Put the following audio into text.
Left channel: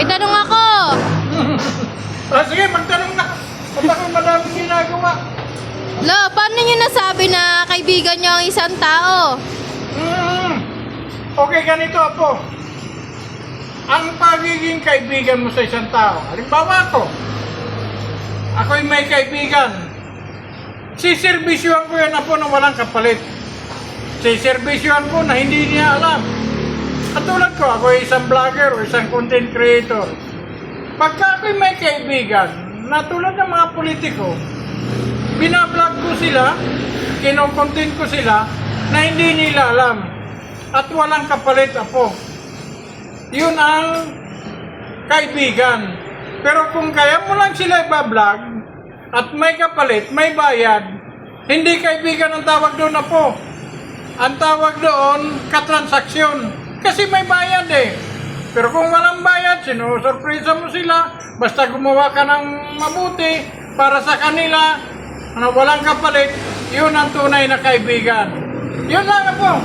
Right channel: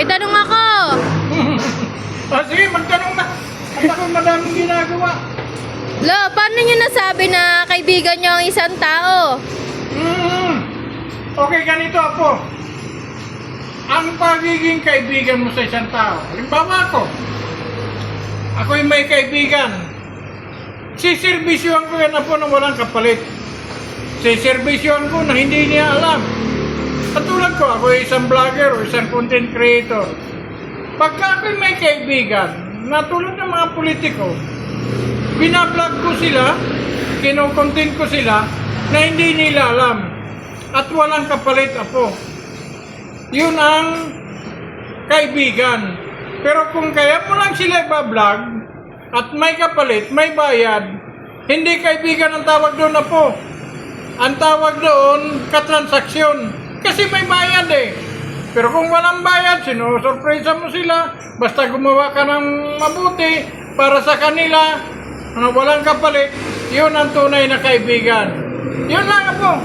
May tanong ako. Sige, magtanong na. At ako'y madaming ginagawa. Lo, paano nyo nasabi na kaibigan nyo ang isang tao? Okay, ganito po. Ang pagiging kaibigan mo sa isang tao. Halimbawa ako'y may kaibigan. Siservisyohan ko yan po na walang kapalit. Siservisyohan ko na hindi niya alam. Katulad ko, ako ay isang vlogger o isang content creator. Pagka ako'y may kaibigan, na tulad ng mga politiko, binablog ko sila, kinokontent ko sila, na hindi nila alam. At walang kapalit po. Yun ang kaibigan. Pero kung kaya mo lang sila ibablog, at may kapalit, may bayad, hindi kaibigan ang tawag doon na po. Ang tawag doon, katransaksyon. Kasi may bayad eh. Pero kung walang bayad, sinusurpresa mo sila, basta gumawa ka ng mabuti para sa kanila, na walang kapalit, yun ang tunay na kaibigan. Yun lang po.